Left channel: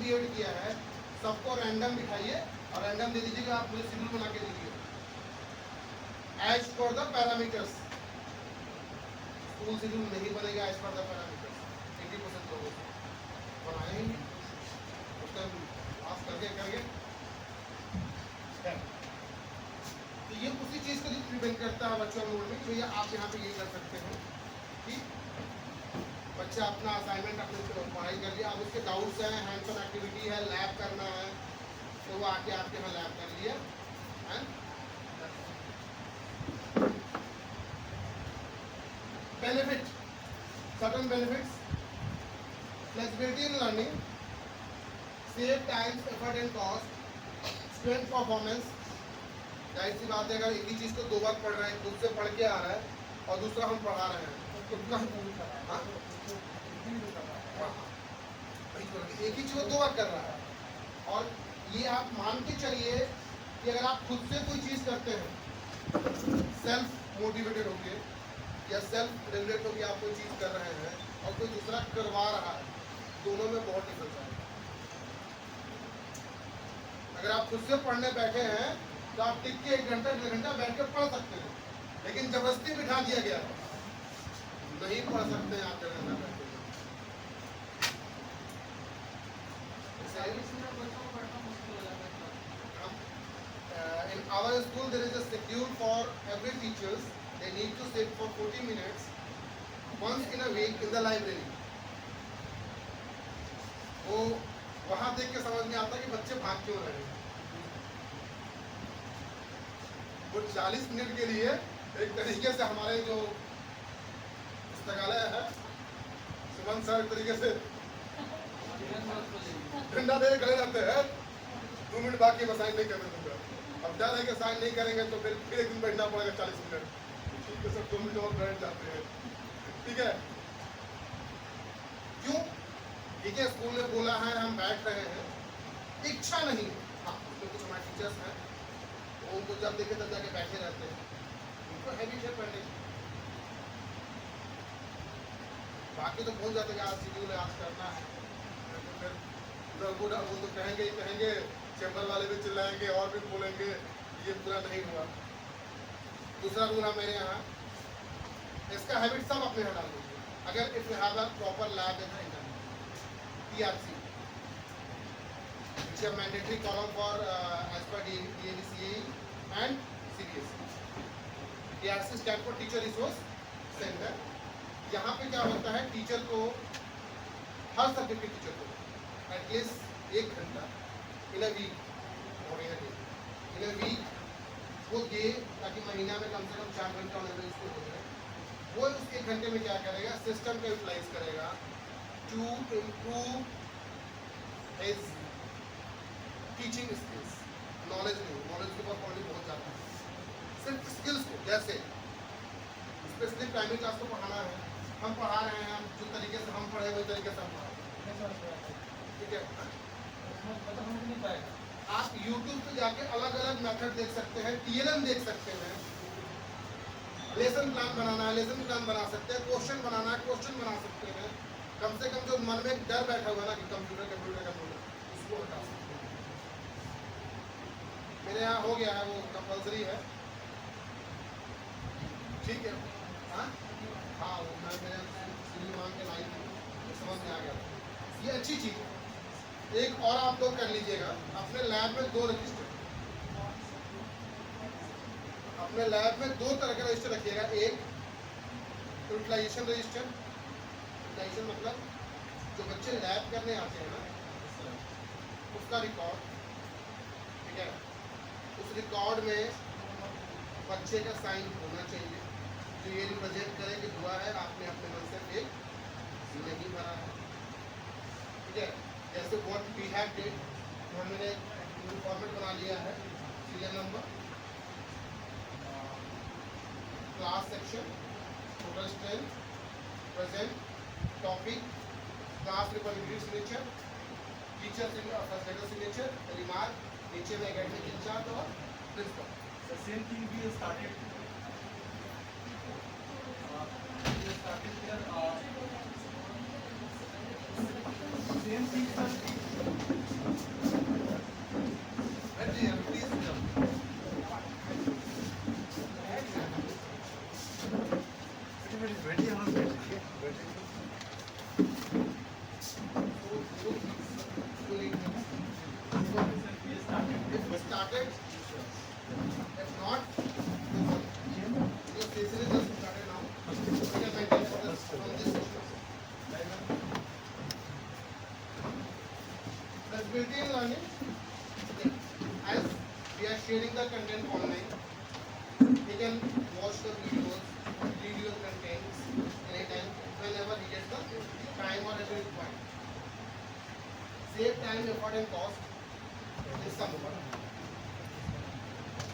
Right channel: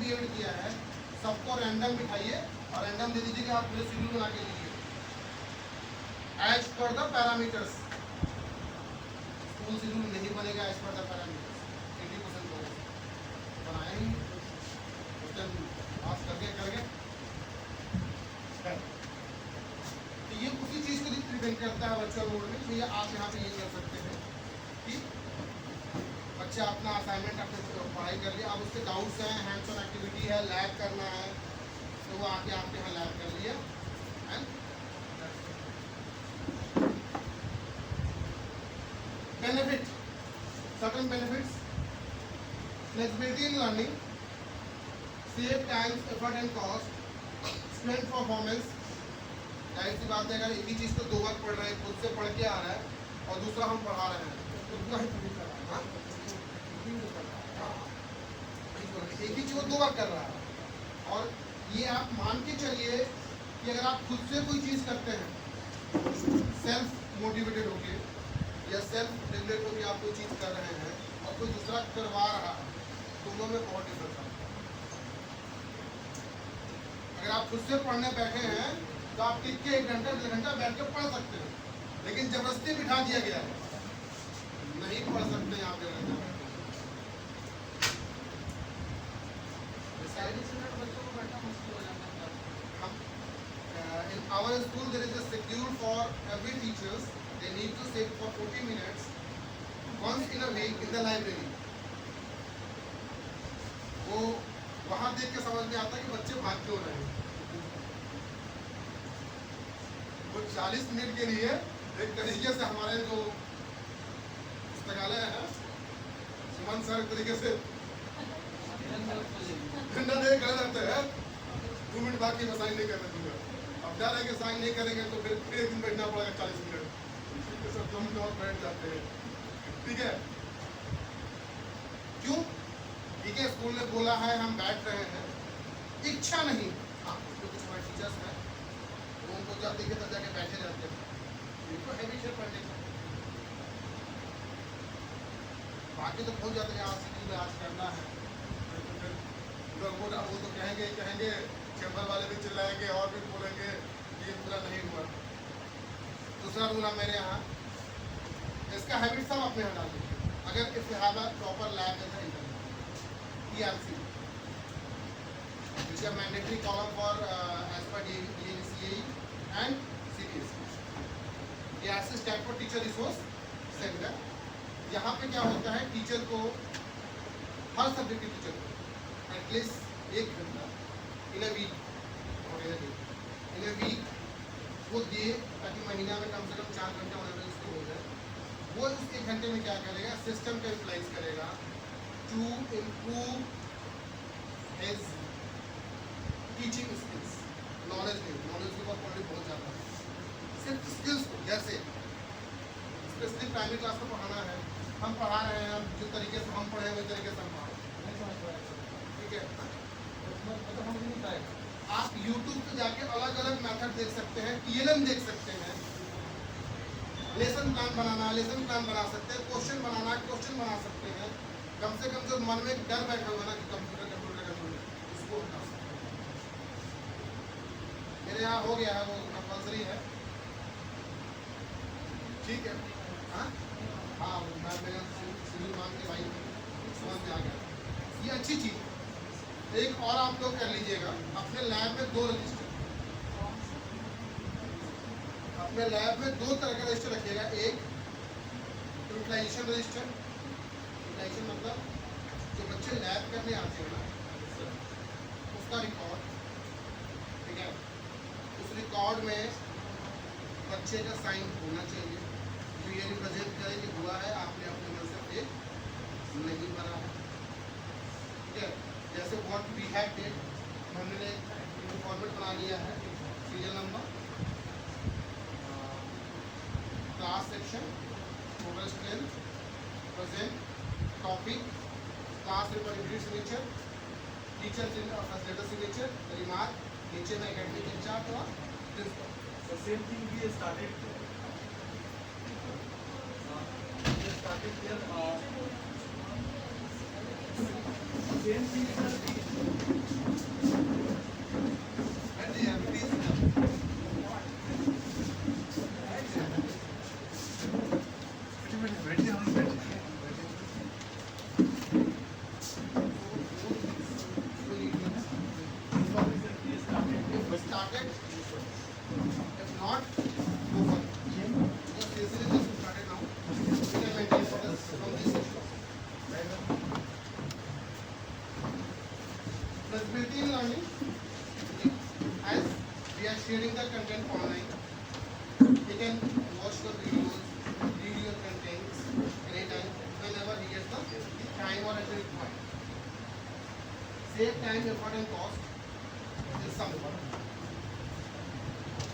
बीएड किया है सबको रैंडम बिठाइए और रैंडम दे दीजिएगा, आप पूरे शेड्यूल बना के लीजिए as per the parameters. School schedule नहीं बनेगा एज पर द पैरामीटर्स, 80% लोग बनाए ही उस टाइम पास करके तो ये उसी चीज़ को डिपेंड करता है वर्चुअल मोड में। तो ये आप यहाँ पे ये कर सकते हैं कि बच्चा अपना असाइनमेंट अपने पढ़ाई कर लिया, अब उसके डाउट्स हैं, हैंड्स ऑन एक्टिविटी है, लैब करना है, तो वो आके आपके यहाँ लैब कर लिया and benefit, certain benefits, flexibility in learning, save time effort and cost, student performance. जाहिर सी बात है अगर एक ही चीज़ को 2 बार पढ़ रहे हैं, खुद से पढ़ के आ रहा है और दूसरा हम पढ़ा रहे हैं तो उतना ही एक ही चीज़ को 2 बार कर रहा है। और ये आप मान के चलिए कि अगर आप खुद से कोई चीज़ करते हैं सेल्फ मोटिवेटेड होके या सेल्फ रेगुलेट होकर आप कोई चीज़ कर रहे हैं और कोई दूसरा करवा रहा है, दोनों में बहुत डिफरेंस है। अगर आप खुद से पढ़ने बैठे हैं तो आप टिक के 1 घंटा 1.5 घंटा बैठ कर पढ़ सकते हैं, लेकिन जबरदस्ती बिठा दिया गया है नहीं पढ़ सकते हैं आप 1.5 घंटा बैठ के। In our school there is a schedule for every teachers. They need to sit for 40 minutes once in a week in the library. वो वहाँ देख के समझ में आता है कि बच्चे भाग क्यों रहे हैं। वो 40 मिनट के लिए एक तरीके से हमारे जो पुस्तकालय है सुमन सर एक तरीके से डंडा दे गए रहते हैं, 2 मिनट बाकी में साइन नहीं करने दूंगा। अब डर है कि साइन नहीं करेंगे तो फिर एक दिन बैठना पड़ेगा 40 मिनट, ठीक है सर 2 मिनट और बैठ जाते हैं, ठीक है। क्यों? ठीक है स्कूल में बोला है हम बैठ रहे हैं, इच्छा नहीं। हाँ उसमें कुछ हमारे टीचर्स हैं वो उनको जब देखे तब जाके बैठे रहते हैं, उनको हैबिट है पढ़ने की। बाकी तो भूल जाते हैं आज शेड्यूल आज करना है, वो तो कहेंगे चैम्बर वाले भी चिल्लाएंगे और भी बोलेंगे ये पूरा नहीं हुआ। दूसरा रूल है मेरे यहाँ, इसका हैबिट सब अपने यहाँ डाल दीजिए। अगर if you have a proper lab in TRC which are mandatory column for as per DNCE and CBSE. TRC stand for teacher resource centre. यहाँ पे क्या होता है टीचर को हर सब्जेक्ट के टीचर को एटलीस्ट 1 घंटा इन अ वीक वो दे ताकि महीना में कम से कम 4 घंटा उन्हें इसको हो जाए। वो उस 1 घंटे में क्या करेगा, सिस्टम का यूटिलाइज करेगा to improve his teaching skills. Knowledge के ऊपर क्वालिटी बहुत ज़्यादा है, सिर्फ स्किल्स को। जैसे स्पेसिफिक प्राइमरी क्लास को पढ़ाना है, हम पढ़ा रहे हैं, हम जिस तरीके से हम पढ़े वही तरीके से हम पढ़ाएं, ठीक है। आप YouTube पे जाके अलग अलग मेथड देख सकते हैं, TLM देख सकते हैं, लेसन प्लान बनाना है लेसन प्लान बना सकते हैं, क्वेश्चन बनाना है क्वेश्चन बना सकते हैं। कम से कम जो मन में डर बैठा हुआ ना कि कंप्यूटर उसको हटा सकते हैं। मेरे यहाँ हो गया है, वो कंपल्सरी है, ठीक है। हाँ वो मैं मेरे सिविल मान के लाइन समझ में आ गया, ये अच्छी चीज़ है। एक और आप लोग कर लीजिएगा, अपने लैब में 2 रजिस्टर, अपने लैब में 2 तरह का रजिस्टर रखिएगा। एक यूटिलाइजेशन रजिस्टर, यूटिलाइजेशन मतलब जो बच्चे लैब करने आते हैं ना उसका रिकॉर्ड, ठीक है। उस रिकॉर्ड में बच्चे का साइन होना चाहिए जो ये रिप्रेजेंट करे कि हुआ है, आपने अपने मन से एक नहीं बना है, ठीक है। जैसे व्हाट वी हैव डिड हमने फॉर्मेट बना लिया है, serial number, class section, total strength, present, topic, class representative signature, teacher facilitator signature, remark, नीचे में एकेडमिक इंचार्ज और principal. The same thing we started here. Same thing, sir. बैठिए हम लोग बैठे If it started, if not, move on. Because this is just started now. We can maintain for this from this session. Flexibility in learning. As we are sharing the content online, he can watch the videos, read your contents anytime, whenever he gets the time or as required. Save time, effort and cost is something.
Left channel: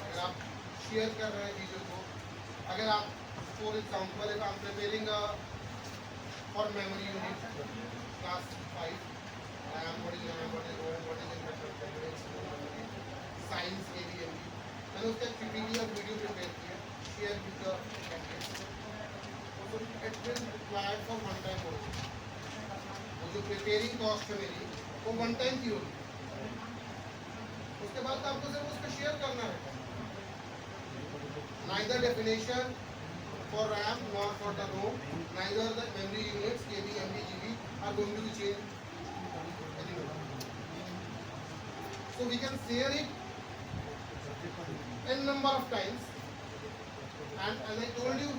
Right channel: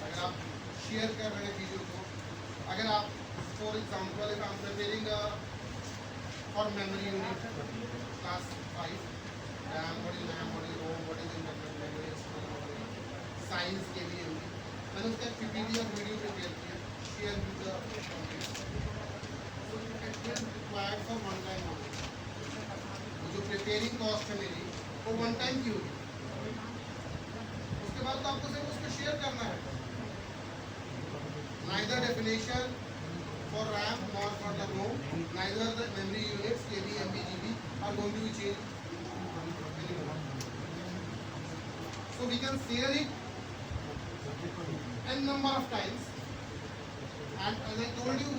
अगर आप शेयर कर रहे हैं वीडियो को, अगर आप for example if I'm preparing for memory unit class 5, what is RAM, what is ROM, what is internet memory, science के भी मैंने उसका PPT और वीडियो प्रिपेयर किया, share with the content. So it will required for one time only. वो जो preparing cost है मेरी वो वन टाइम की होगी. उसके बाद तो आपको सिर्फ उसको शेयर करना है. Neither definition for RAM nor for the ROM, neither the memory units KB, MB, GB are going to be changed anymore. So we can share it n number of times, and as I told you,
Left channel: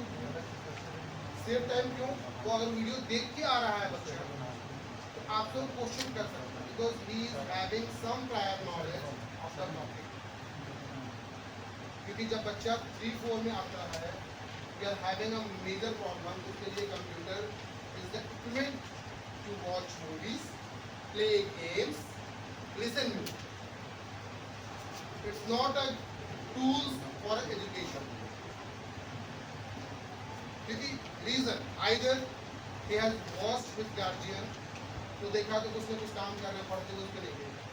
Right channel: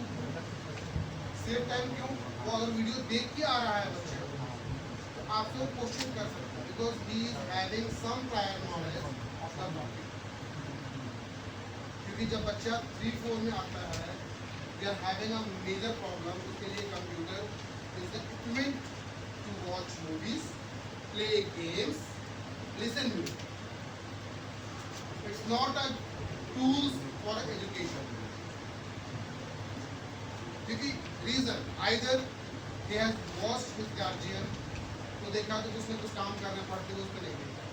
save time क्यों? वो अगर वीडियो देख के आ रहा है बच्चा तो आप लोग क्वेश्चन कर सकते हैं because he is having some prior knowledge of the topic. क्योंकि जब बच्चा 3-4 में आता है, we are having a major problem. उसके लिए computer is the equipment to watch movies, play games, listen music. It's not a tools for education. क्योंकि reason either he has watched with guardian, तो देखा तो कुछ ना कुछ काम कर रहे हैं, पढ़ते हुए उसको नहीं देखा,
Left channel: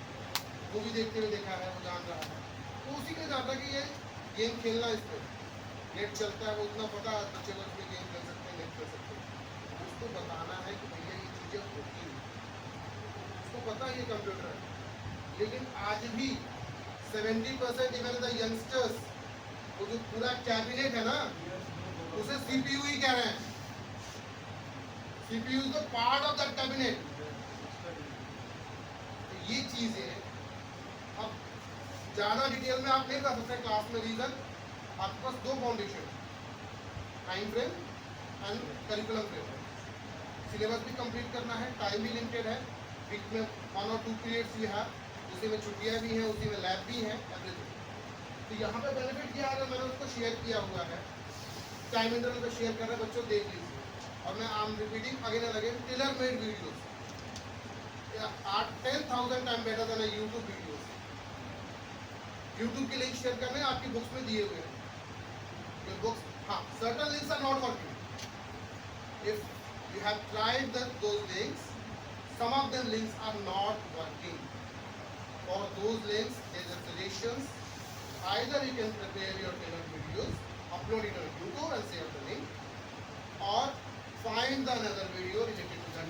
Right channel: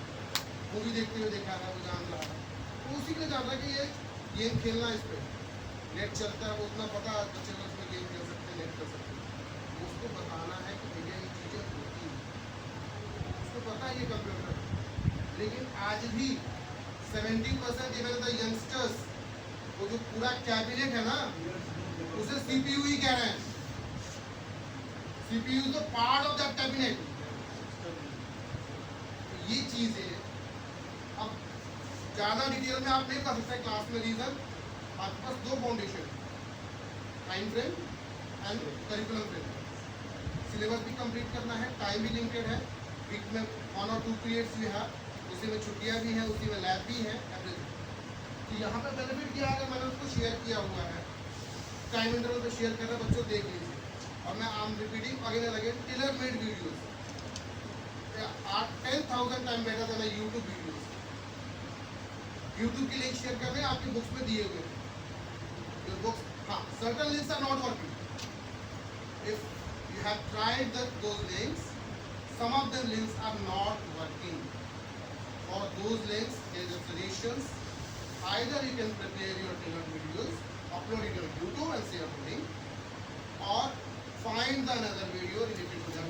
मूवी देखते हुए देखा है, वो जान रहा है, तो उसी के लिए जान रहा है कि ये गेम खेलना है, इस पर नेट चलता है, वो उतना पता है बच्चे को इसमें गेम खेल सकते हैं, नेट कर सकते हैं. उसको बताना है कि भैया ये चीज़ें होती हैं, उसको पता है ये कंप्यूटर है. लेकिन आज भी 70% इवन द यंगस्टर्स, वो जो पूरा कैबिनेट है ना, उसे CPU ही कह रहे हैं. CPU is the part of that cabinet. ये चीज़ें अब ज़्यादा डिटेल में आप नहीं कर सकते क्लास में. रीज़न आपके पास दो फाउंडेशन है, time frame and curriculum frame. Syllabus भी कंप्लीट करना है, टाइम भी लिमिटेड है, वीक में 1 और 2 पीरियड्स भी है, उसी में छुट्टियाँ भी हैं, उसी में लैब भी है, एवरीथिंग. तो यहाँ पे बेनिफिट क्या है, मैंने उसको शेयर किया हुआ है, टाइम इंटरवल पे शेयर कर रहे हैं, बच्चों देख लीजिए. और मैं आम repeating again and again tailor made videos 10,000 time better than YouTube videos. YouTube के लिंक शेयर करने आपकी बुक्स में दिए हुए हैं. Your books, certain links are not working. If you have tried those links, some of them links are not working. For those links, there are suggestions. Either you can prepare your tailored videos, upload it on YouTube and save the link, or find another video related to them.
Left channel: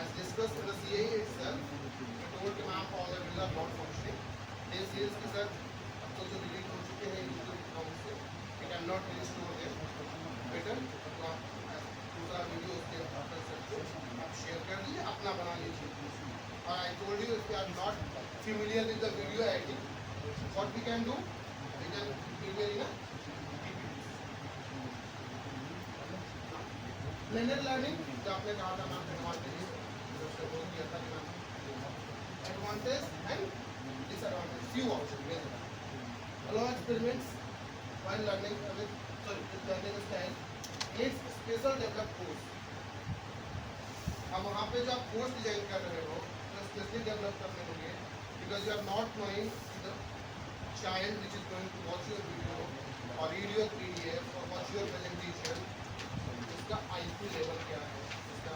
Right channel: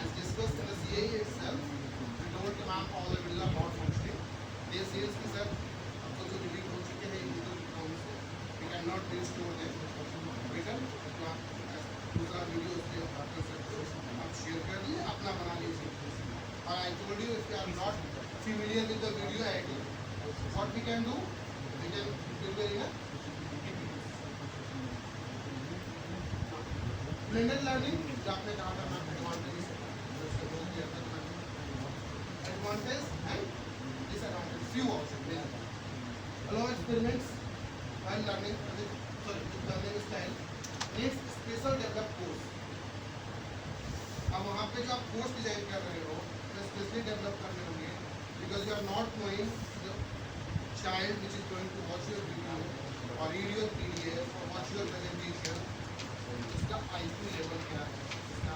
As discussed in the CAE itself, we told कि ma'am all the videos are not functioning. They says कि सर तो जो डिलीट हो चुके हैं YouTube account से, we cannot restore them. Better अपना दूसरा वीडियो उसके आप शेयर कर दिए, अपना बना लीजिए. और I told you if you are not familiar with the video editing, what we can do, we can prepare in a blended learning. जो आपने कहा था advantage and disadvantage, few also. Allow experiments while learning with learning style needs special developed course. अब वहाँ पे जो आप course design कर रहे हो, स्पेशली डेवलप करने के लिए, because you are not knowing the child which is going to watch your video or read your PDF or watch your presentation, इसका IQ level क्या है, इसका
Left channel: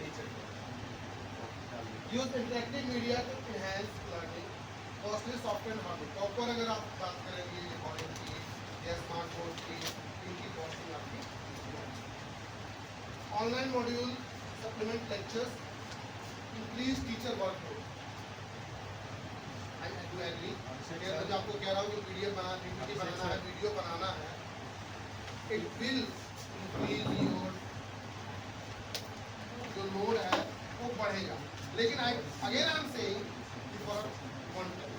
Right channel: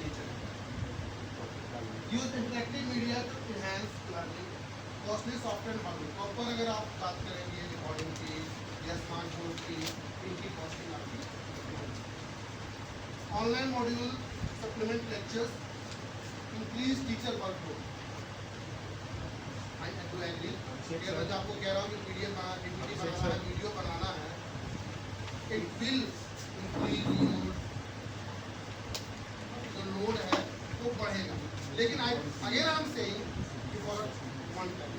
nature. Use interactive media to enhance learning. Costly software and hardware. Proper अगर आप बात करेंगे रिकॉर्डिंग की या स्मार्टफोन की, इनकी कॉस्टिंग आपकी. Online module supplement lectures increase teacher workload. I do agree. मैं जो आपको कह रहा हूँ कि PDF बनाना है, PPT बनाना है, वीडियो बनाना है, इट विल इंक्रीज योर जो लोड है वो बढ़ेगा, लेकिन I again I am saying for one time,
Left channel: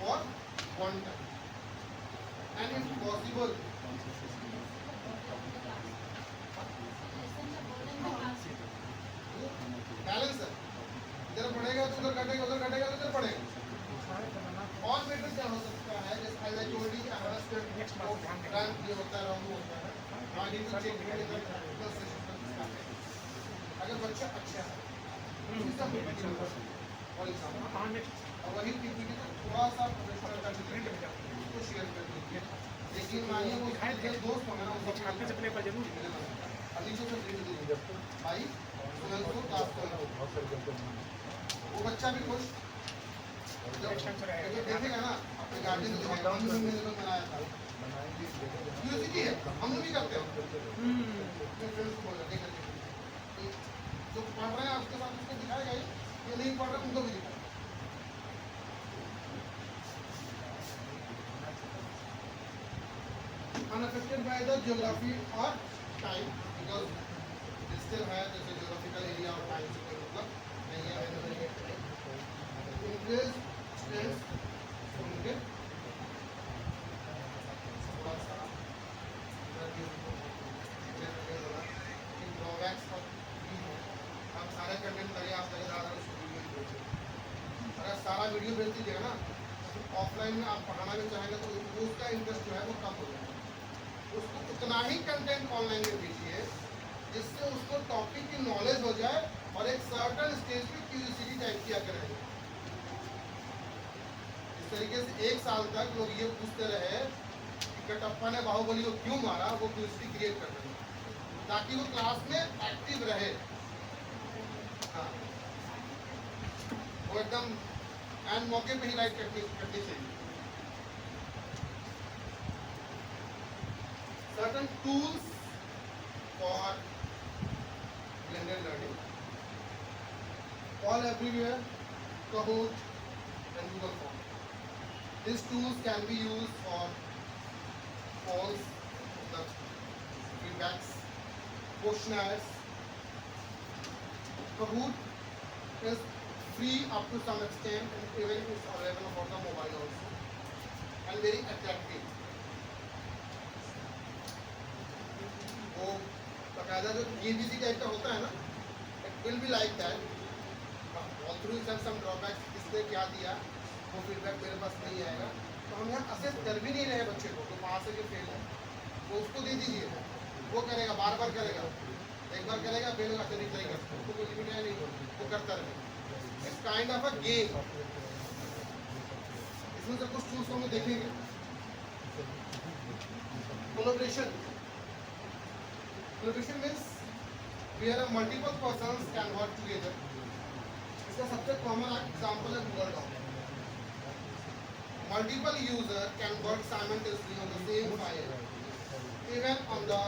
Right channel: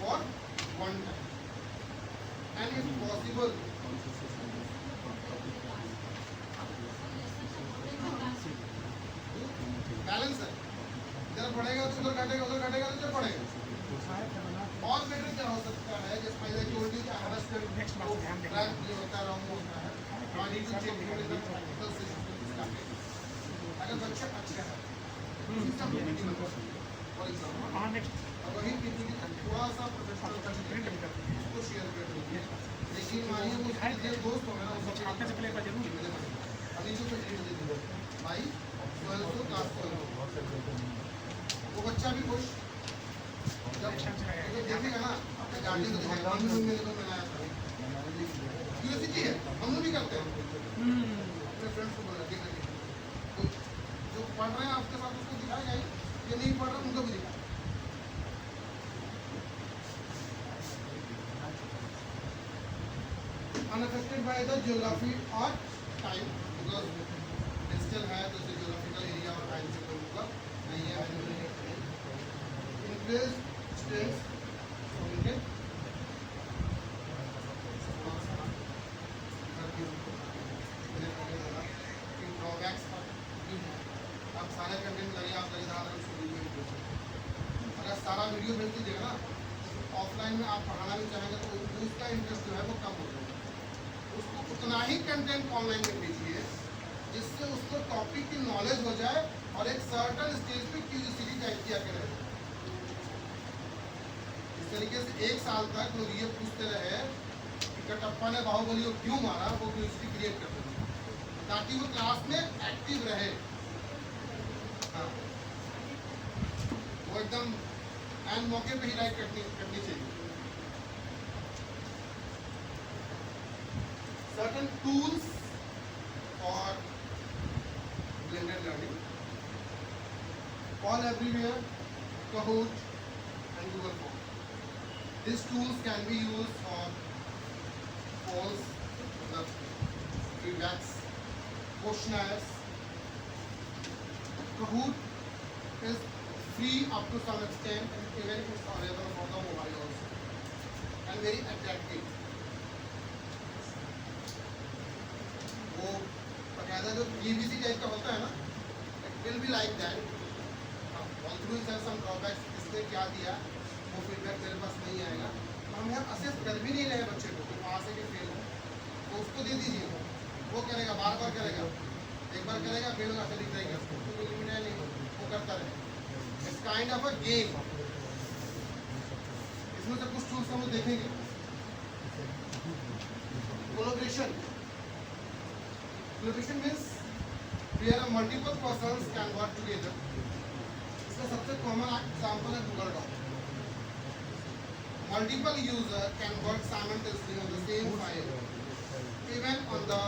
for one time, and if possible balance है, इधर बढ़ेगा तो उधर घटेगा, उधर घटेगा तो इधर बढ़ेगा। और बेटर क्या हो सकता है, जैसे I told you Next month, ध्यान देंगे। रैंक ये होता है, रॉन्ग होता है, I need to check it in the practical session. अगर बच्चा अच्छा है फॉर एग्जाम्पल, हाँ नेक्स्ट और वही पीपीटी थोड़ा सा प्रोफेशनल कर प्रिंट भी करती है। उसको शेयर कर दीजिए, लेकिन मानिए वो मेरे दोस्त होंगे ना, उनको छापने से पहले एक बार जरूर अब नीचे से डेट दे दीजिए भाई, तो क्लास वो बच्चा भी खुश Correction से रहेगा। तो देखेगा ना, अपने गार्जियन को दिखाएगा, मम्मी ने तो बनाया था, क्यूरियोसिटी है, हम लोग भी करते हैं, अपने फ्रेंड्स को बोलते हैं तो जो पढ़ रहे हैं आपके साथ उसको दिखाएगा ही, ये नहीं पढ़ रहे उनको भी दिखाएगा। Unaffected by the geography or time, because digital है तो geographical area और time से कोई मतलब नहीं है। Increase stress, so we can drawbacks का आप सारे कंटेंट लगे, आप लगे ज़्यादा अगर सारा वीडियो भेज दीजिएगा ना, तो ऑफलाइन में आप पढ़ाना भी चाहेंगे तो उसका इंटरेस्ट जो है वो कम हो जाएगा। उसको उतना ही कंटेंट ऑनलाइन में भेजिए जिससे उसको टॉपिक की नॉलेज हो जाए और एक सर्टन स्टेज पे क्यूरियोसिटी टाइप किया करे। इस तरीके से एक साल तक वो ये पूछते रहे कि कटप्पा ने बाहुबली को क्यों मारा, वो क्यूरियोसिटी क्रिएट कर देंगे ताकि वो क्लास में एक्टिव रहे। हाँ, वो एकदम एंड मौके पे ही लाइक करनी चाहिए। Certain tools for blended learning, all everywhere, Kahoot and Google Form. These tools can be used for polls, the feedbacks, questionnaires. Kahoot is free up to some extent, and even it's available on the mobile also, and very attractive. वो बकायदा जो EBC type का होता है ना, it will be like that. All through sir some drawbacks, इसने क्या दिया वो फीडबैक मेरे पास नहीं आएगा, तो हम यहाँ असेस कर भी नहीं रहे बच्चे को, तो वहाँ से कि फेल हो तो उसको दे दीजिए, वो करेगा, बार बार करेगा, एक बार करेगा फेल होगा, फिर ट्राई कर, उसको कोई लिमिट है नहीं, वो करता रहे। It's kind of a game. इसमें से कुछ टूल्स हम लोग देखेंगे। Collaboration, collaboration means where multiple persons can work together. इसका सबसे कॉमन एग्जांपल है Google doc. Multiple user can work simultaneously on the same file, even on the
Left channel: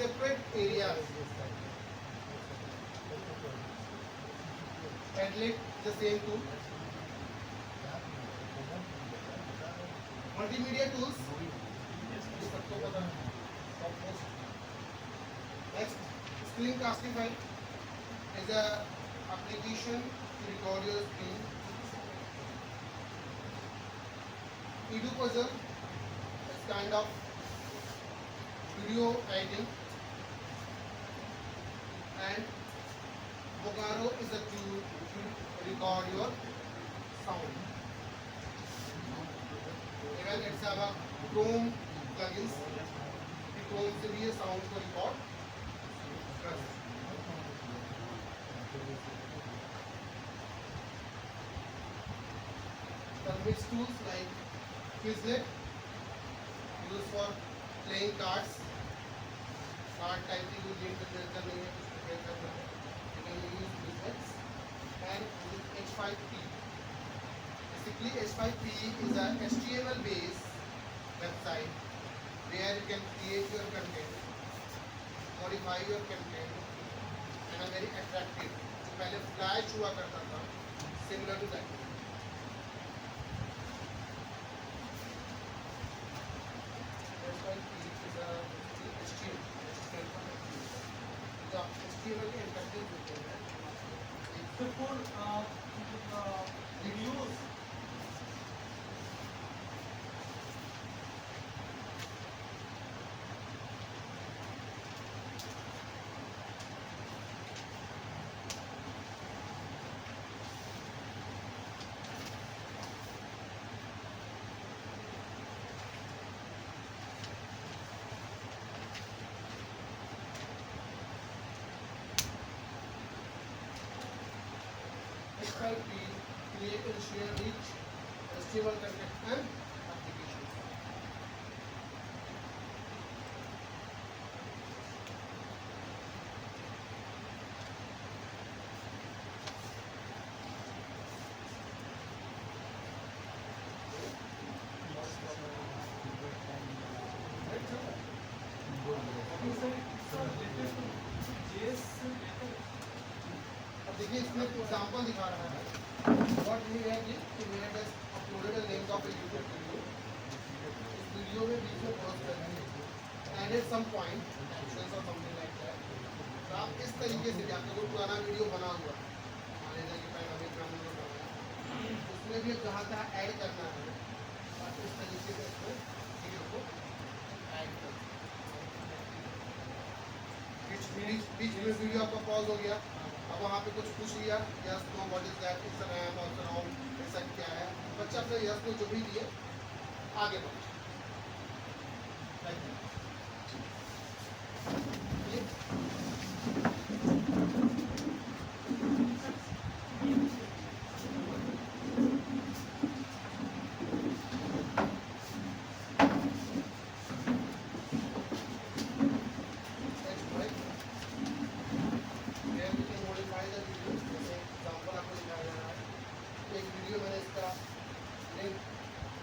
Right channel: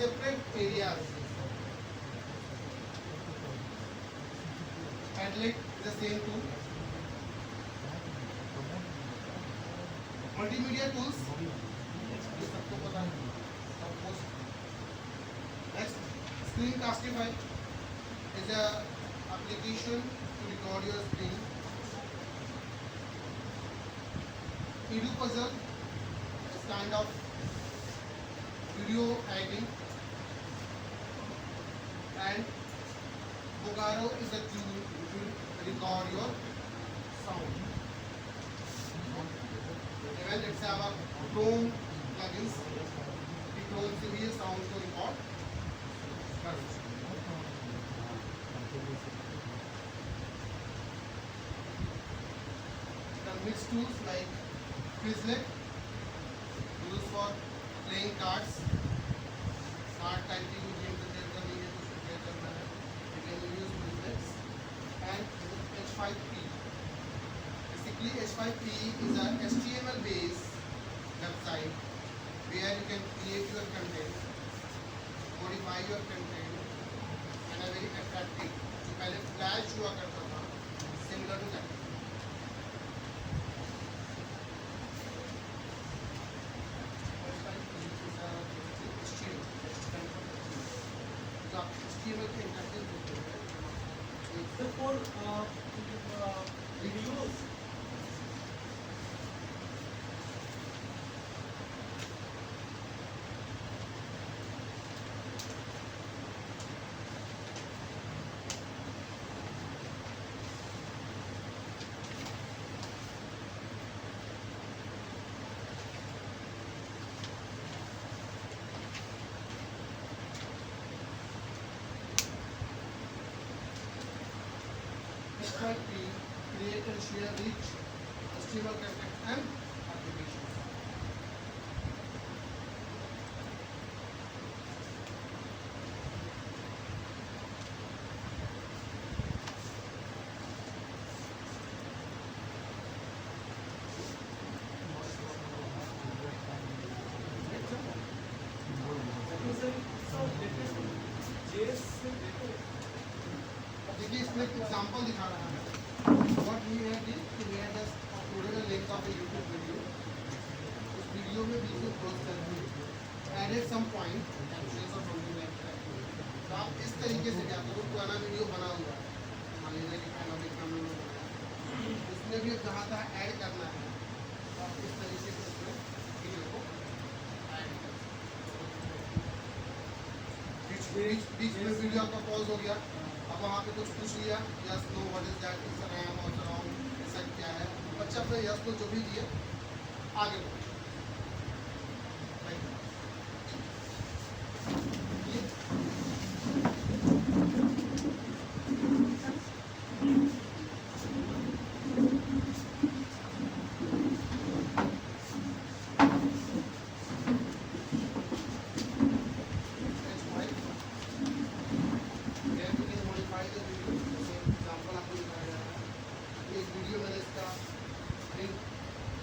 separate areas. Padlet is the same tool. Multimedia tools, ये सबको पता है। Next, Screencastify is a application to record your screen. Edupuzzle is kind of video editing, and Bogaro is a tool to record your sound. Even let's have a Chrome plugins. Chrome से भी ये sound को record कर सकते हैं। The mixed tools like Quizlet, used for playing cards, card typing को गेम पे प्ले करनी है, कुछ प्रिपेयर करना है, you can use Quizlets, and H5P. Basically, H5P is a HTML based website where you can create your content, modify your content, and a very attractive. जो पहले फ्लैश हुआ करता था, similar to that. So for videos, Exploit create and share rich HTML content and applications. JS से better अब देखिए इसमें एक एग्जांपल दिखा रहा है व्हाट वी हैव डन कि we have just uploaded a link of a YouTube video उस वीडियो में बीच में पॉज करके एडेड सम पॉइंट कैप्शंस और समथिंग लाइक दैट तो आप इस तरीके से भी आपका कोई पुराना वीडियो बना हुआ है मान लीजिए कि पैनोमिक का हमने बनाया उसमें भी जहाँ तहाँ ऐड करना है तो आप इस तरीके से इसमें वीडियो को ऐड कर बीच में वीडियो आपका पॉज हो गया अब वहाँ पे कुछ पूछ लिया yes no what is that it's an M और ऑल ऐसा क्या है बच्चा अपने यस नो जो भी दिए आगे बढ़ो Like that. ये next point. Here we can modify the video. जैसे एग्जांपल आपको दिखाया जा रहा है एक वीडियो मैंने इसका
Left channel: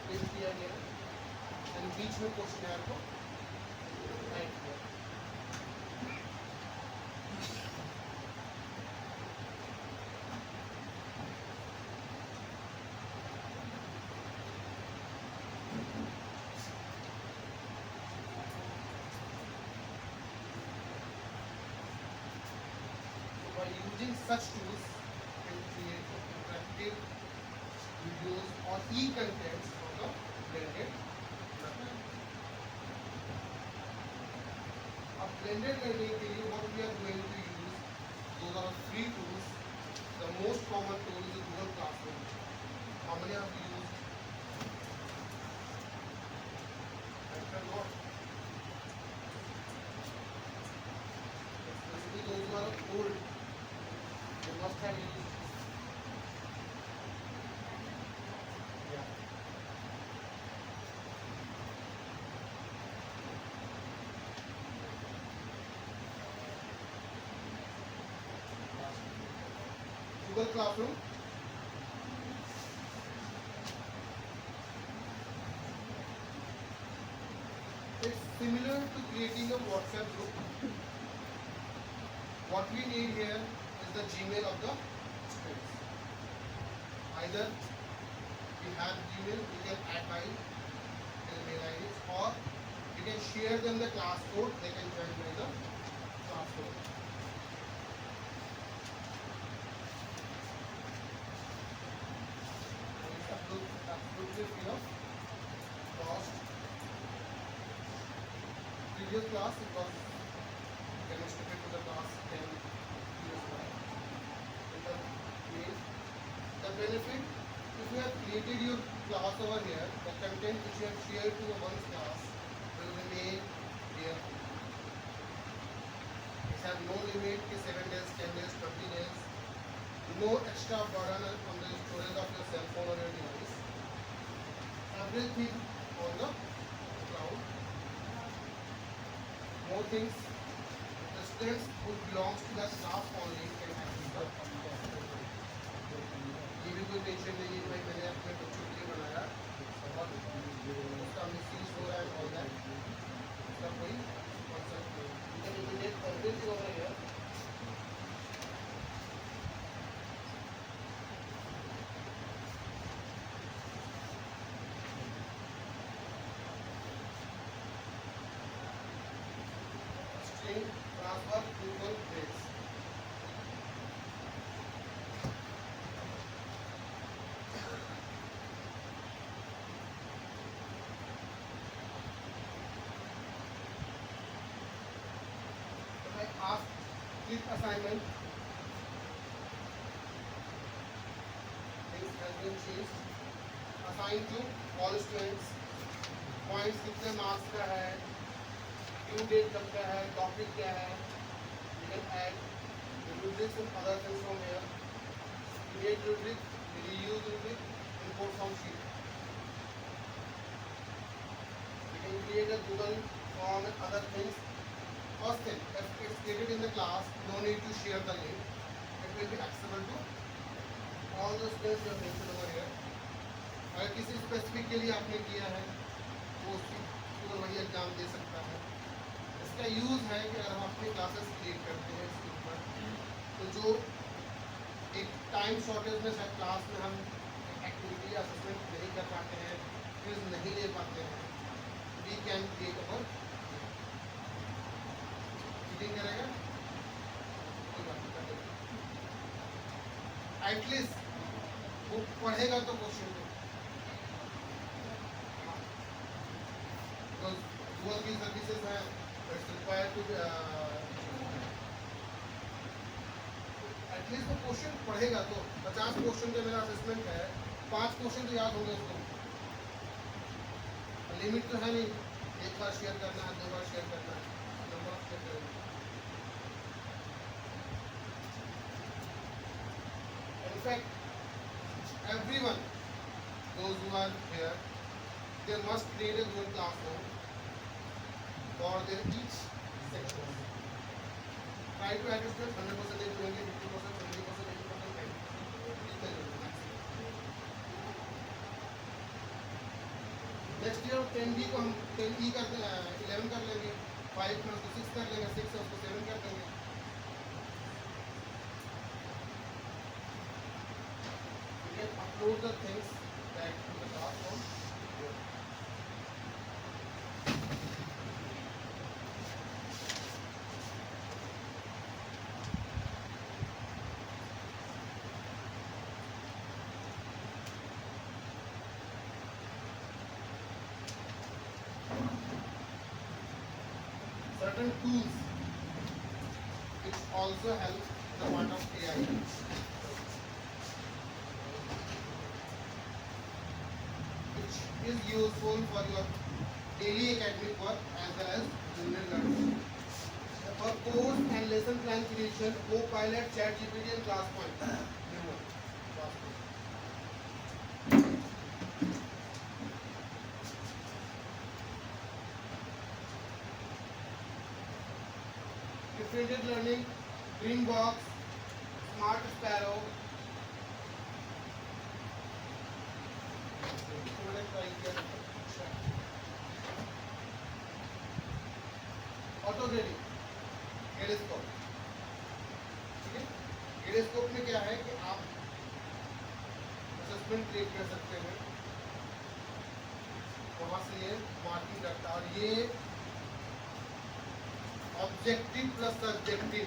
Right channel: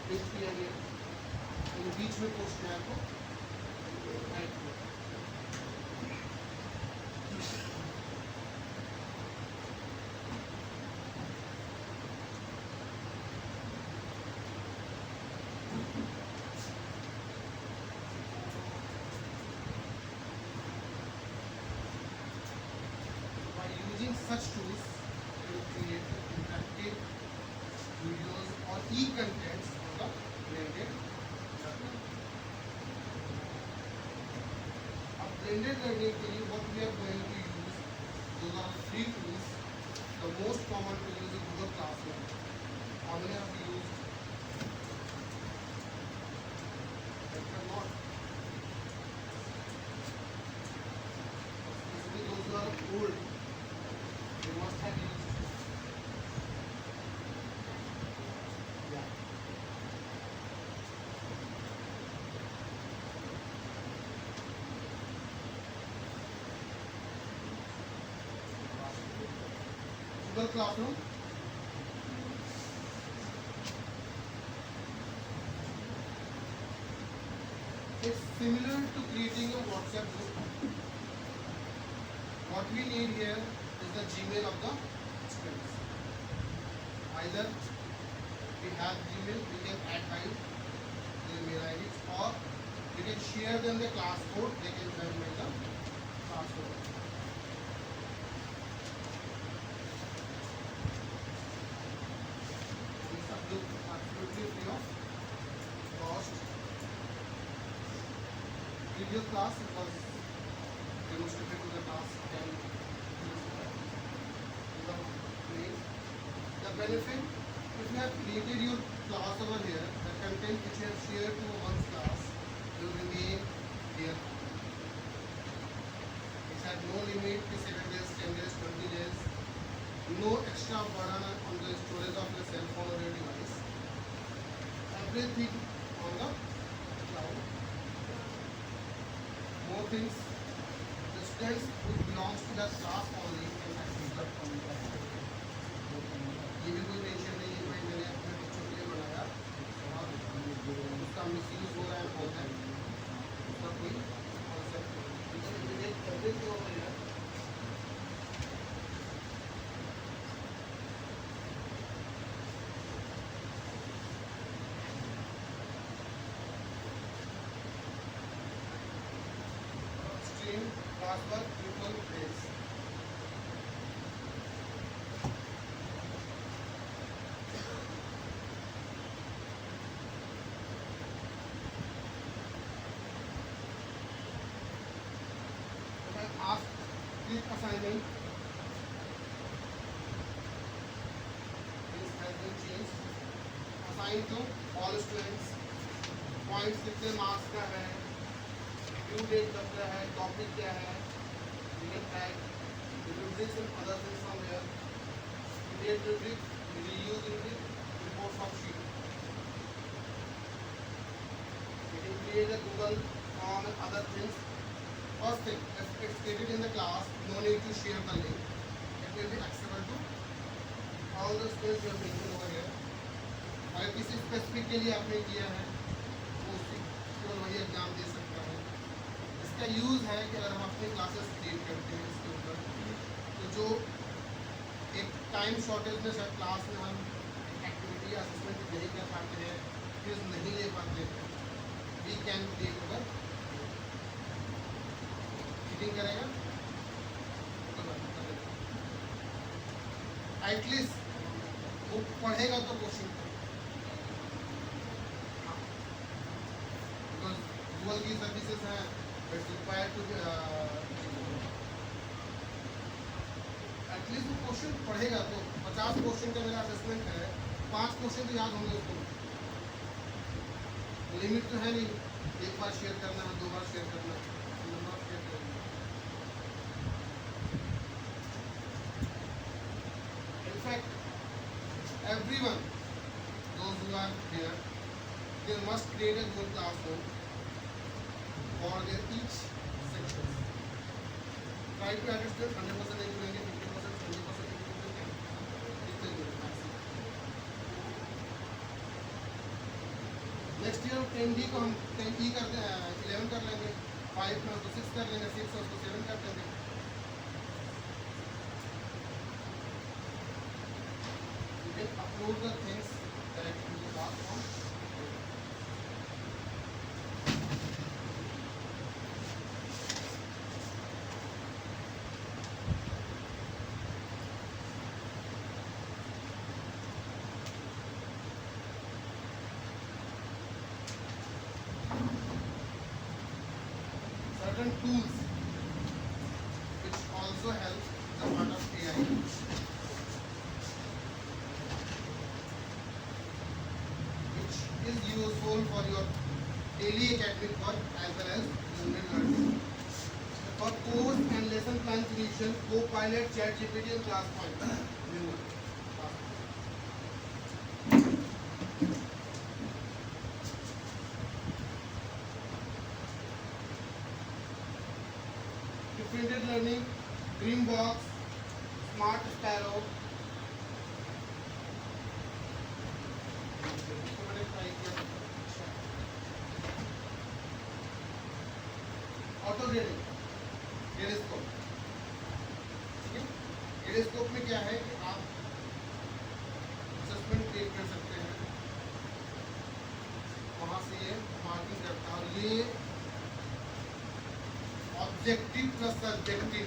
प्रिंट किया गया एंड बीच में पोस्ट में आपको ऐड किया by using such tools we create interactive videos or e-contents on the blended learning. अब blended learning के लिए what we are going to use those are three tools. The most common tool is Google Classroom. How many have you used? Better not. Especially those who are old, they must have used. Yeah. Google Classroom. It's similar to creating a WhatsApp group. What we need here is the Gmail of the students. Either we have Gmail, we can add by their mail IDs, or we can share them the class code, they can join by the class code. It's absolutely free of cost. Previous class it was demonstrated to the class 10 years back. The benefit, if you have created your class over here, the content which you have shared to one's class will remain here. It has no limit to 7 days, 10 days, 20 days. No extra burden on the storage of your cell phone or your device. Everything on the cloud. More things. The students who belongs to the class only can access the ये भी कोई टेंशन नहीं है भाई मैंने अपने बच्चों के लिए बनाया उसका मिसयूज हो रहा है all that. उसका कोई कॉन्सेप्ट नहीं है immediate everything over here. Stream, classwork, pupil, grades. complete assignment. Things has been changed. Assigned to all students. Points कितने मार्क्स का है, due date कब का है, topic क्या है. You can add the rubrics and other things from here. Create rubric, reuse rubric, import from sheet. You can create a Google form and other things. First thing, if it's created in the class, no need to share the link. It will be accessible to all the students you have mentioned over here. अगर किसी स्पेसिफिक के लिए आपने किया है, वो केवल वही एग्जाम दे सकता है. इसका यूज़ है कि अगर हम अपनी क्लासेस क्रिएट करते हैं इसके ऊपर, तो जो एक टाइम शॉर्टेज में शायद क्लास में हम एक्टिविटी या असेसमेंट नहीं कर पाते हैं, क्विज नहीं ले पाते हैं, वी कैन क्रिएट ओवर करेगा एटलीस्ट वो पढ़ेगा तो क्वेश्चन गूगल की सर्विसेज हैं, इट्स रिक्वायर्ड टू एटलीस्ट वो क्वेश्चन पढ़ेगा तो 50 क्वेश्चन का मेरा असेसमेंट है, 5 क्वेश्चन तो याद होंगे उसको. लिमिट तो है नहीं, एक बार शेयर करना है, 2 बार शेयर करना है. In fact, everyone, those who are here, they must create a Google Classroom for their each section. Try to add it 100% नहीं करेंगे, 50%, 70%, 80% नहीं. इतना ही होगा maximum. Next year 10D को हम 10E करते हैं, 11 कर लेंगे, 5 में उसको 6 कर लेंगे, 6 में उसको 7 कर लेंगे. Upload the things that you will pass from. Certain tools which also help the part of AI. Is useful for your daily academic work as well as general learning. For course and lesson plan creation, Copilot, ChatGPT and ClassPoint. New one. Differentiated learning, Dreambox, Smart Sparrow. Auto grading, Gradescope. ठीक है, ग्रेडस्कोप में क्या है कि आप assessment create कर सकते हैं, वहाँ से ये मार्किंग करता है. और ये ऑब्जेक्टिव प्लस सब्जेक्टिव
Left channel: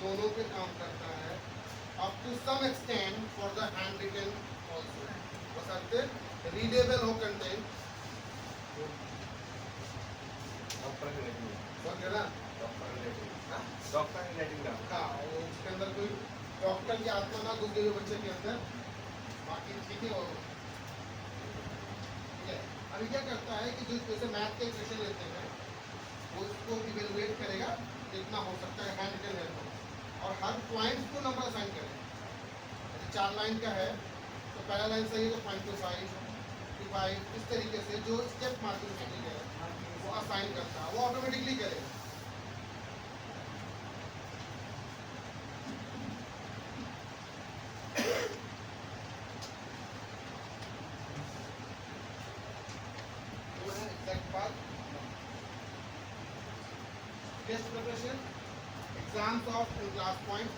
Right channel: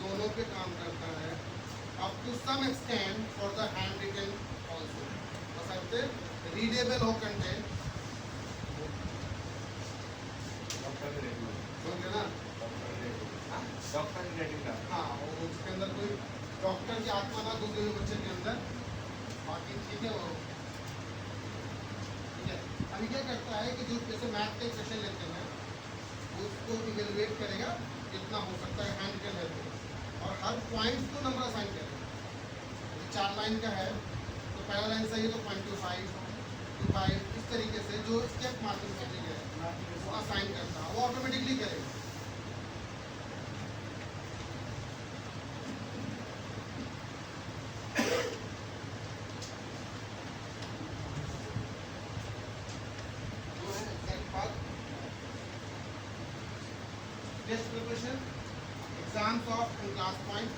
दोनों पे काम करता है, up to some extent for the handwritten also. बस रीडेबल हो कंटेंट हाँ, और उसके अंदर कोई डॉक्टर की आत्मा ना घुस गई बच्चे के अंदर. बाकी ठीक है. और ठीक है, अभी क्या करता है कि जो जैसे मैथ का एक सेशन लेते हैं, वो उसको इवेलुएट करेगा कितना हो सकता है हैंड रिटन है तो, और हर पॉइंट को नंबर असाइन करेगा. जैसे 4 लाइन का है तो पहला लाइन सही है तो 0.25, 25, इस तरीके से जो स्टेप मार्किंग करनी है वो असाइन करता है, वो ऑटोमेटिकली करेगा. Test preparation, exams of and ClassPoint.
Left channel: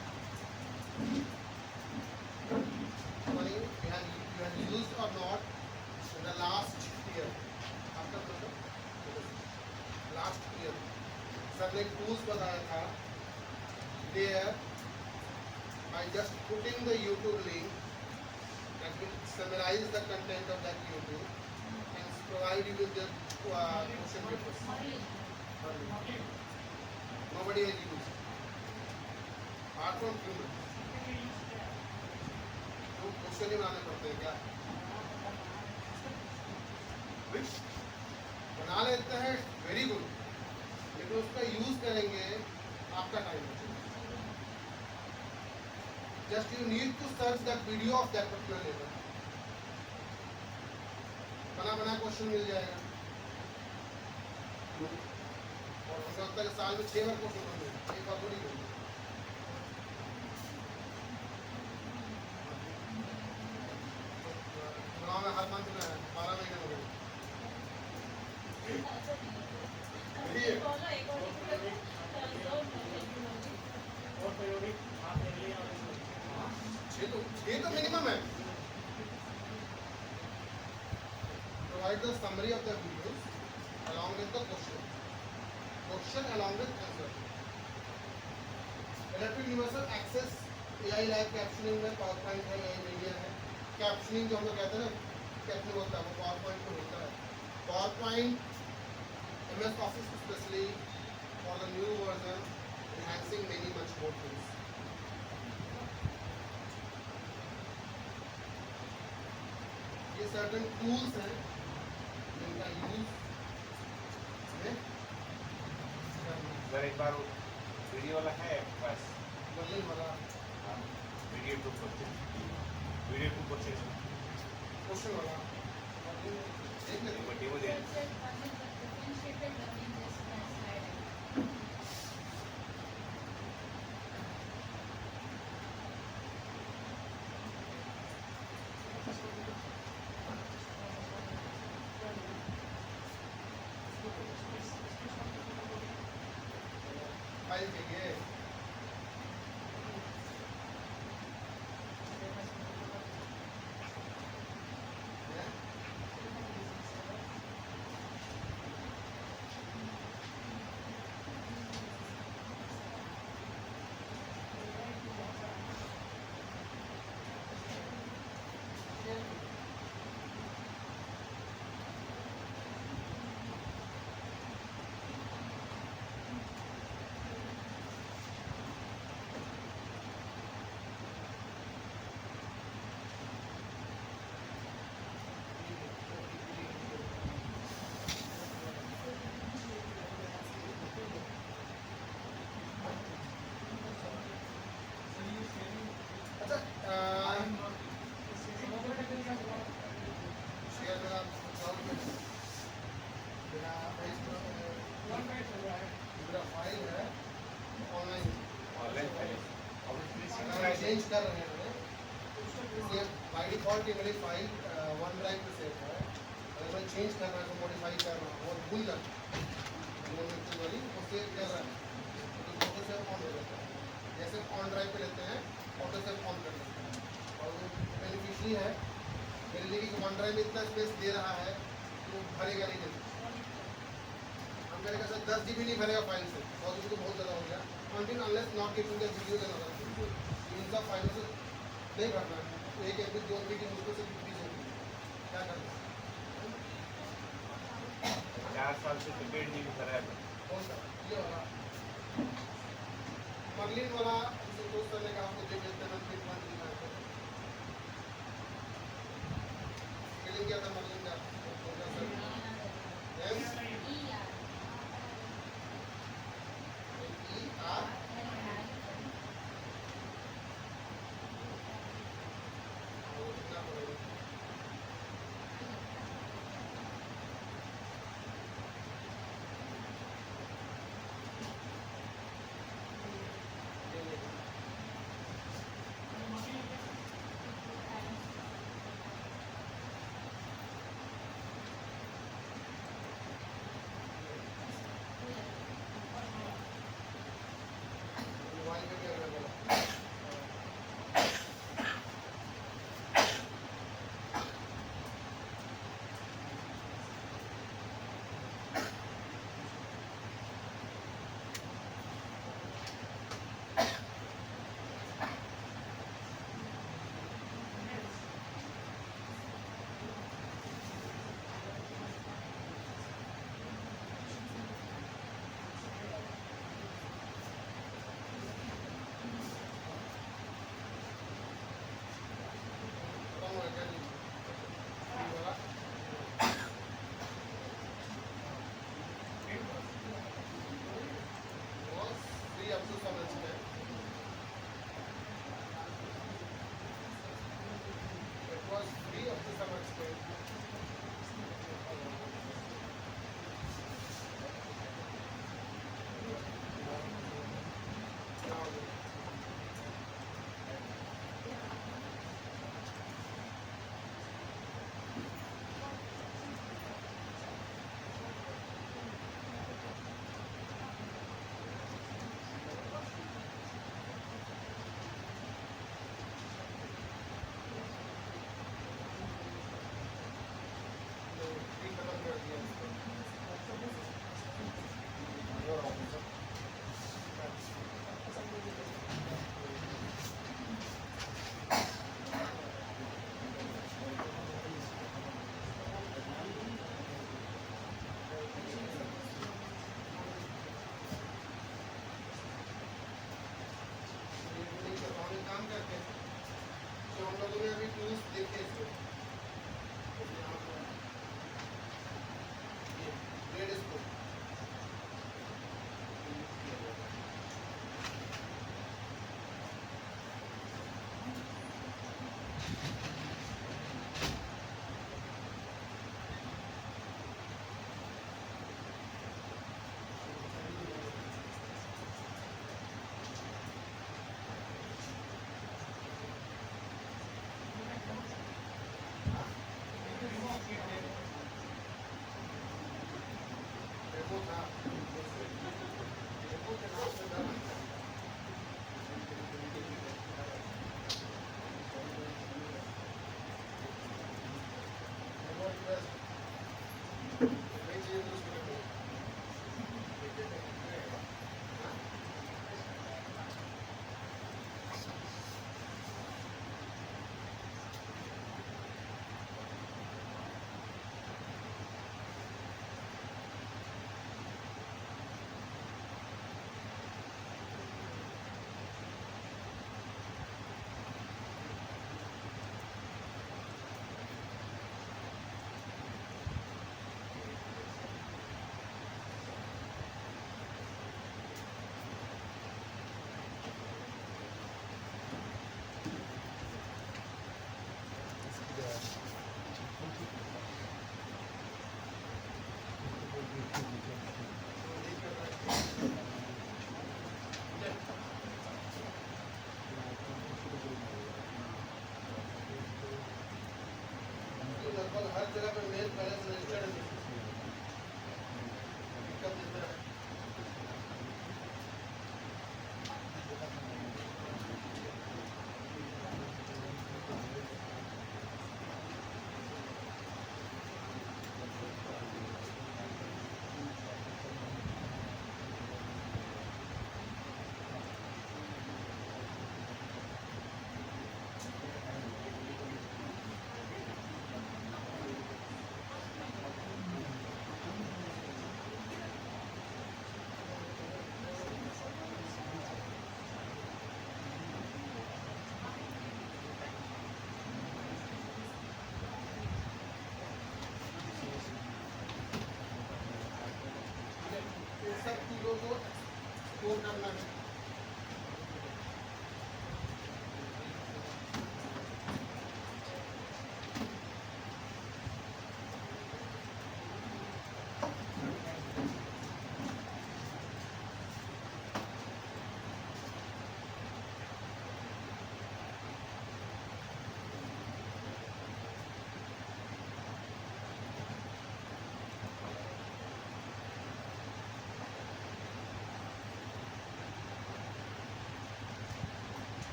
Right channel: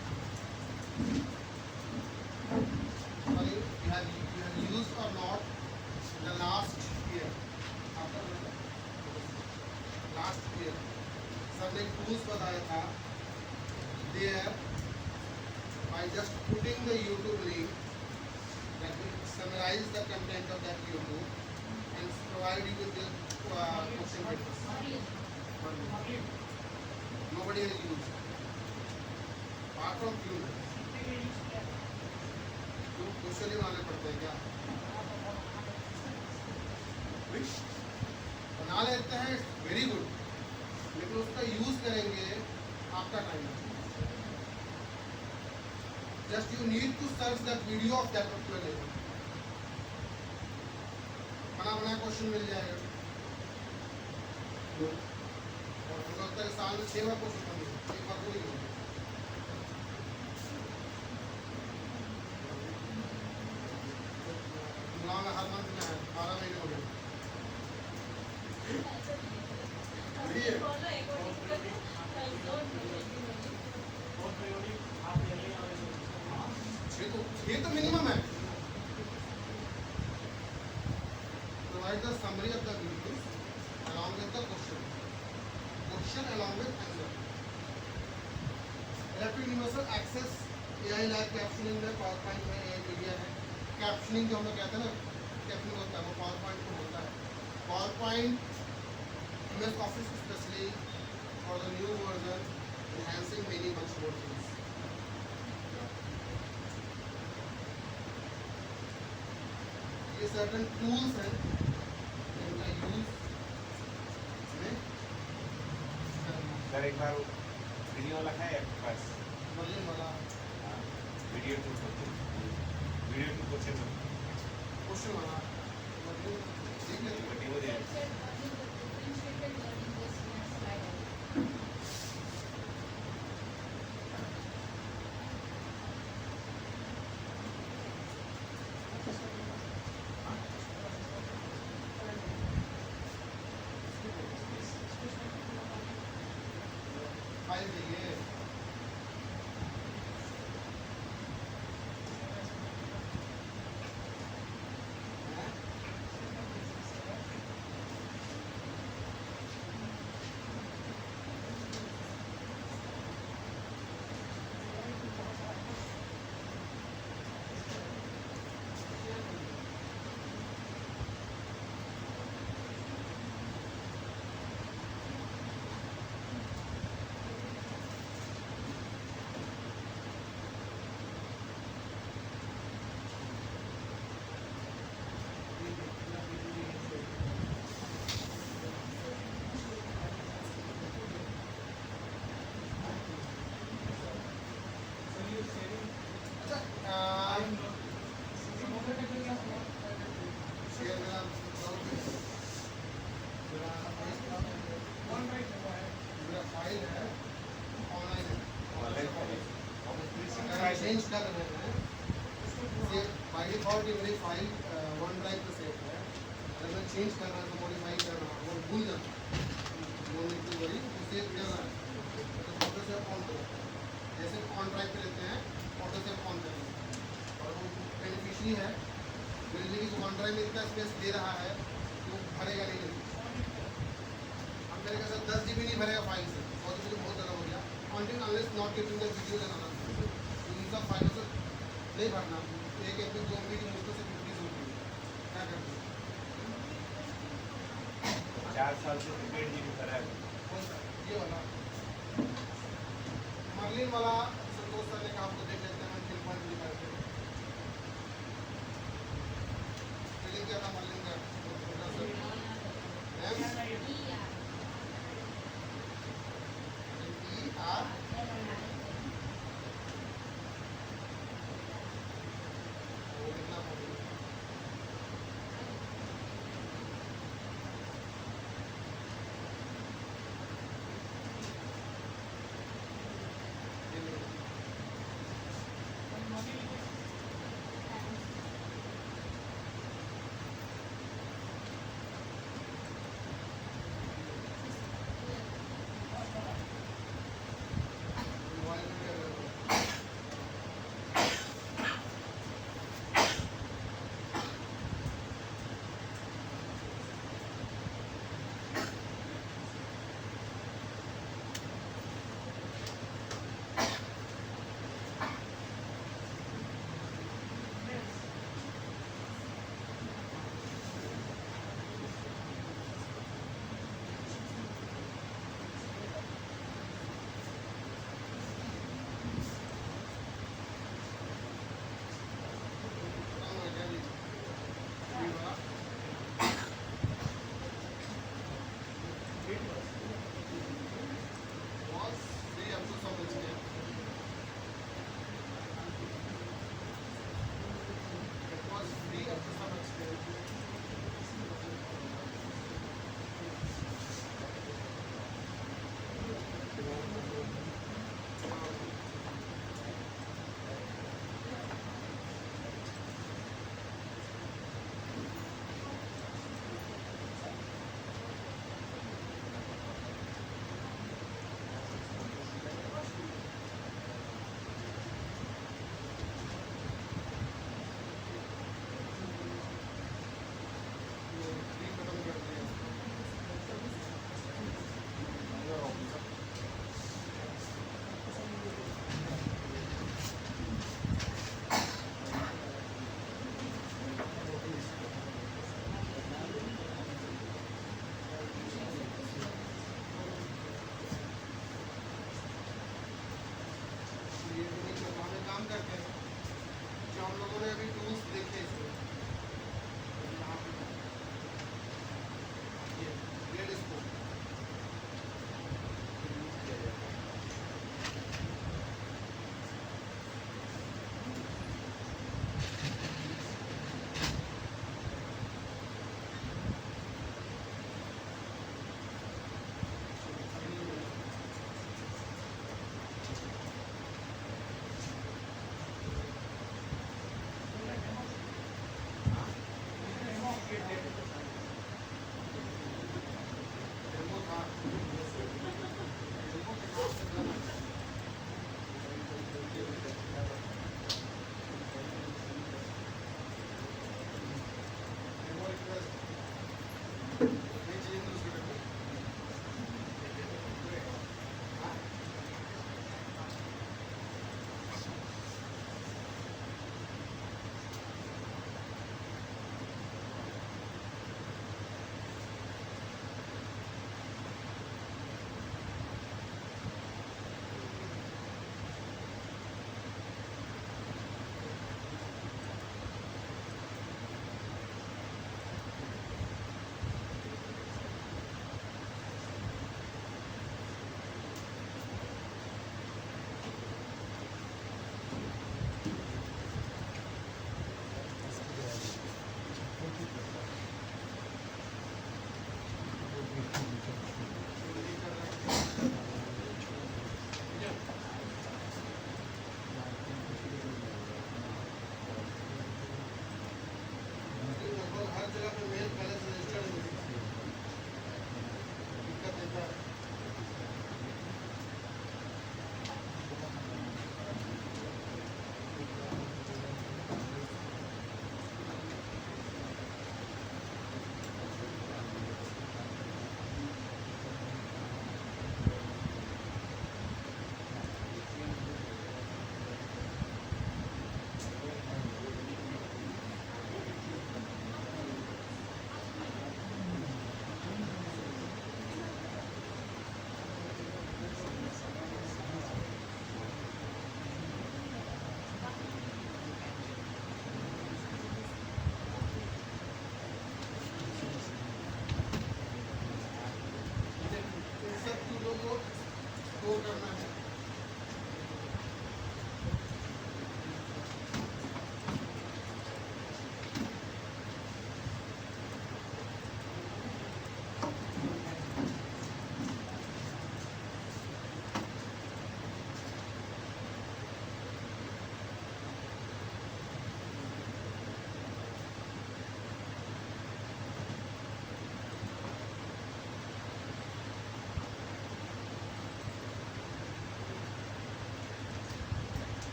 Sorry, you have used or not in the last year. After last year, sir ने tools बताया था. There, by just putting the YouTube link, that will summarize the content of that YouTube and provide you with the question papers. Nobody has used. Art from film तो क्वेश्चन ही बनाने पड़ते हैं क्या? विश बना लेते हैं, वेरी गुड, लेकिन उसका यूज करेंगे आपका time. Just you need to search that video of that particular level, बना बना क्वेश्चन मिल जाएगा। और हमको अब तक साल में 6 बार क्वेश्चन बन गए, एक बार को नहीं होगा। चुनाव में हर मंथ में है, 12 महीने हो गए। और periodic हाथ ले लिया और ऐसे। 6 तो मिनिमम है। Provide the summary of the videos along with the question along with answer. Electric Universal Access AI Lab captioning में PowerPoint है, AI मीडिया है। कैप्शनिंग जो हम लोग कहते हैं ना, कैप्शनिंग होता है वो PowerPoint में होता है। PowerPoint MS Office especially for the new version enhancing many much more things. ये certain tools हैं जिनका यूज हमें सर एक बार वीडियो वाला है आपके पास? मर्लिन वाला वीडियो टू क्वेश्चन क्वेश्चन वाला मर्लिन देख लेते हैं। डेमो दे। फाइल चाहिए। हैं? अच्छा शेयर मेरा मेरा फाइल है ऑनलाइन चेंज कर रहे हैं। बाई डिफॉल्ट ये मेरी फाइल वन ड्राइव पे सेव है। अगर मैं चेंज करना है तो मॉडिफाई करना है और भूल जाना वो नहीं वही उससे कर रहा है तो ऑटो सेव ऑन हो जाता है। जैसे ऑन ड्राइव पे लेते हैं ऑटो सेव ऑन करना है और वो बेनिफिशरी है बिल्डिंग की वन ड्राइव में इतना स्पेस दे रहा है वो भरेगा नहीं जल्दी। हम करेगा सर 10 GB नहीं भरेगा फाइल से, 100 GB तो बहुत ज़्यादा हो गया। Until unless not giving the videos and other इनका फाइलों से नहीं भरना। एक MB 2 MB की मुश्किल से डिक्रीज होती है, क्या करना है? 4 साल से पेड जी कर रहा है। कौन सा ये वाला मर्लिन वाला संतोष सर ने कहा आपको देख लेते हैं फिर कौन सी बात है। फिलिंग क्या था मर्लिन का छोटा सर एम ER वो कितना पड़ेगा?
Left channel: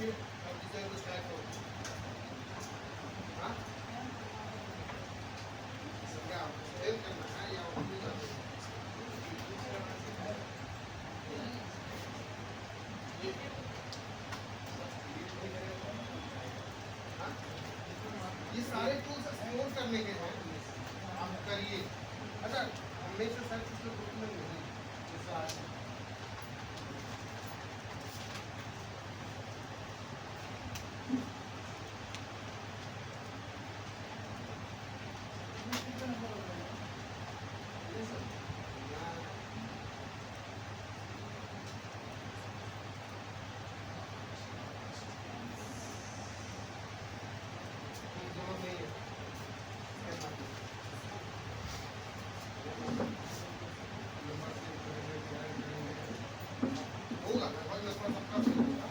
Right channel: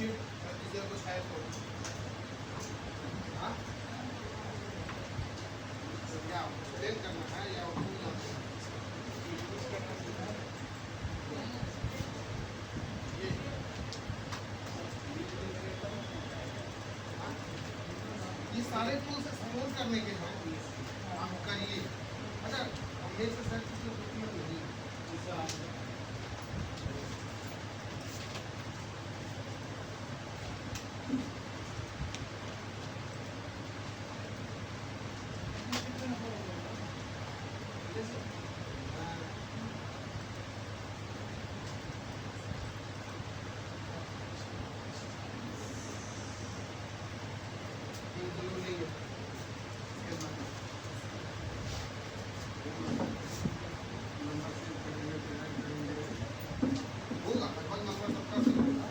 शीट इधर कुछ है तो हाँ क्या एक्सप्लेन करना है या ये सारे टूल्स एक्सप्लोर करने के हैं आप करिए। अच्छा हमने से सर किसी डॉक्यूमेंट नहीं होगा लगभग नंबर सबका सही होगा।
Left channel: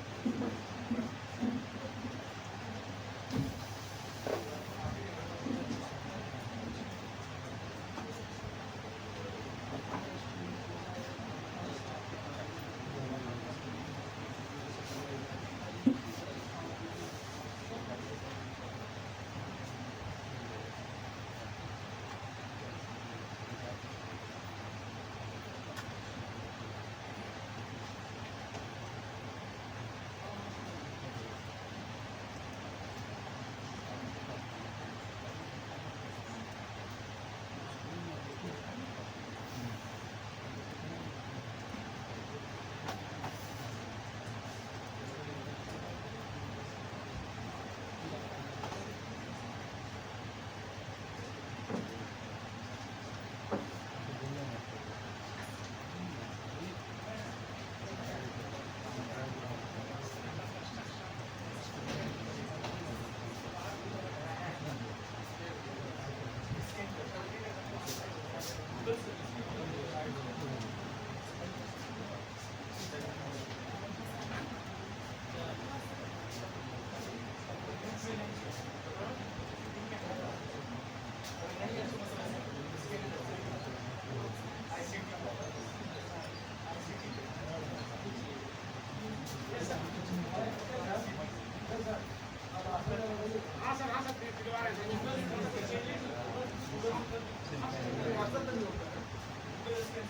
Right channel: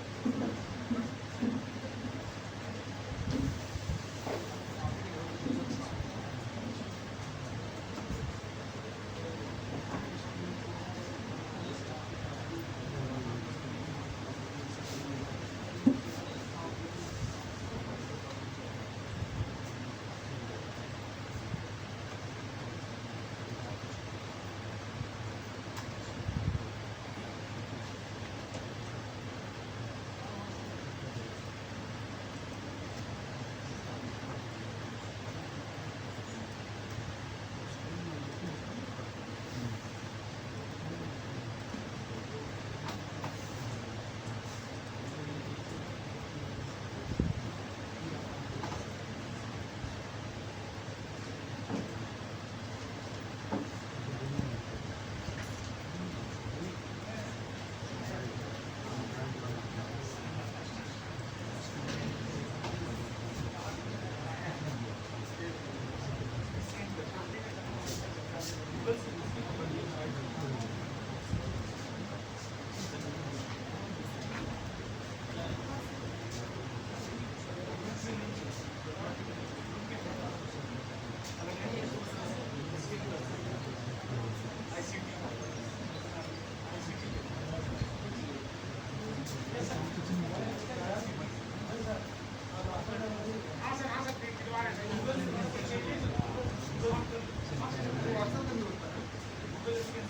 व्हाट्सएप पे भी होता है।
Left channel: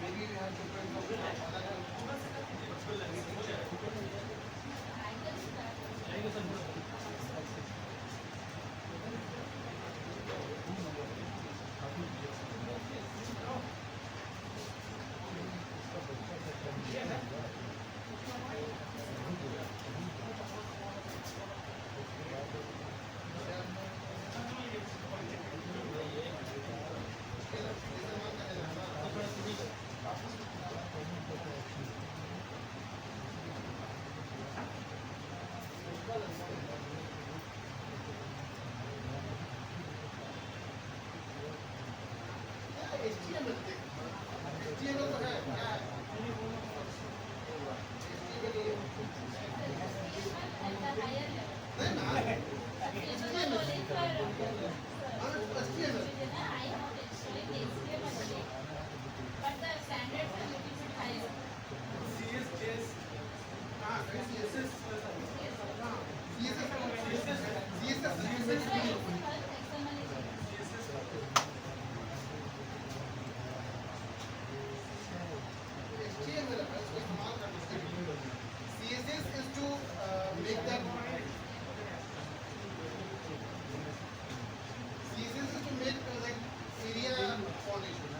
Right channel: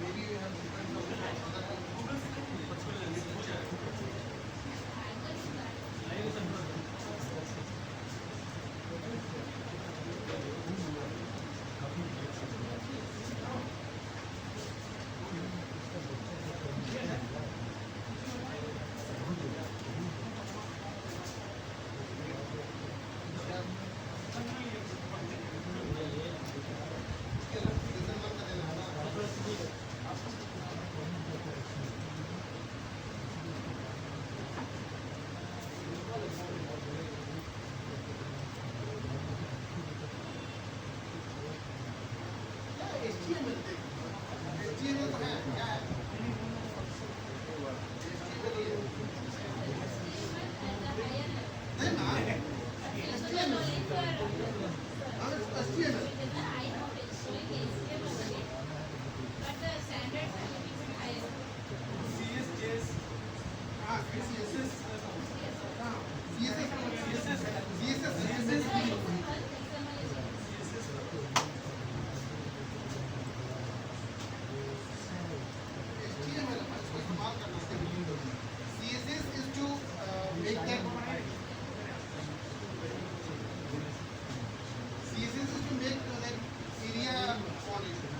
Maybe we have different HTML तो है क्या है? नहीं ना HTML CSS is to make that CSS is to make like area font.